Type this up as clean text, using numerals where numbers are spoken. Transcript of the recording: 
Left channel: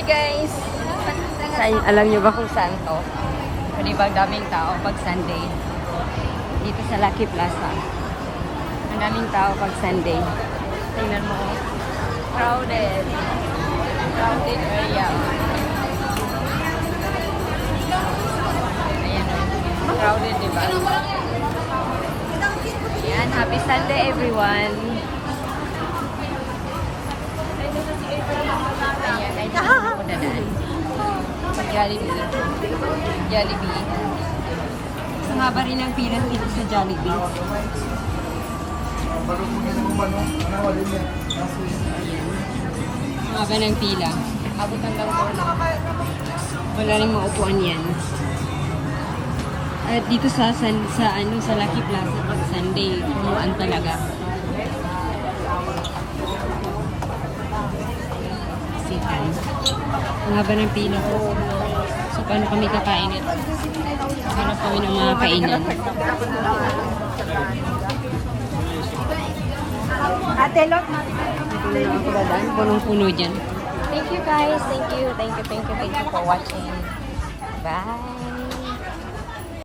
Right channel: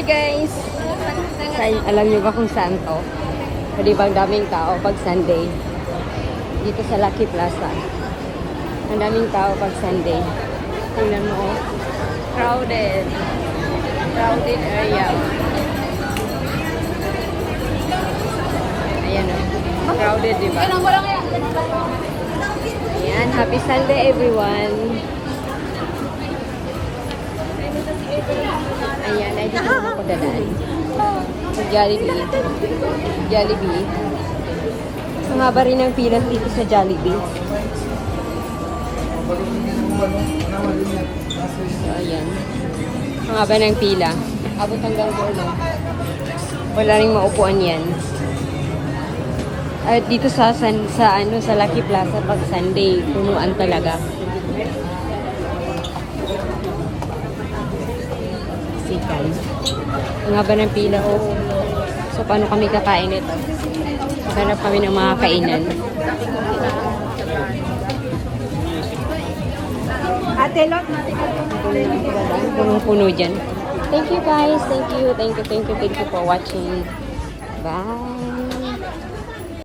Hi guys! Alam niyo ba kung saan to? Pwede bang daming tao pag Sunday? Dito sa Lucky Plaza. Daming tao pag Sunday. Tingnan mo. Crowded. Crowded area. Ayan. Crowded, diba? Ayan. Happy Sunday everyone. Jollibee. Jollibee. Sumaba rin ang pila dito sa Jollibee. Ayan. Sumaba ng pila. Wala rin maupuan yan. At dito sa Lucky Plaza pag Sunday, punuan talaga. Sikan. Ang haba ng pila ko. So, paano kami kakain ito? Hanap kami ng mga kainan. Ate, look. Punong-puno dyan. Thank you guys. Thank you for watching.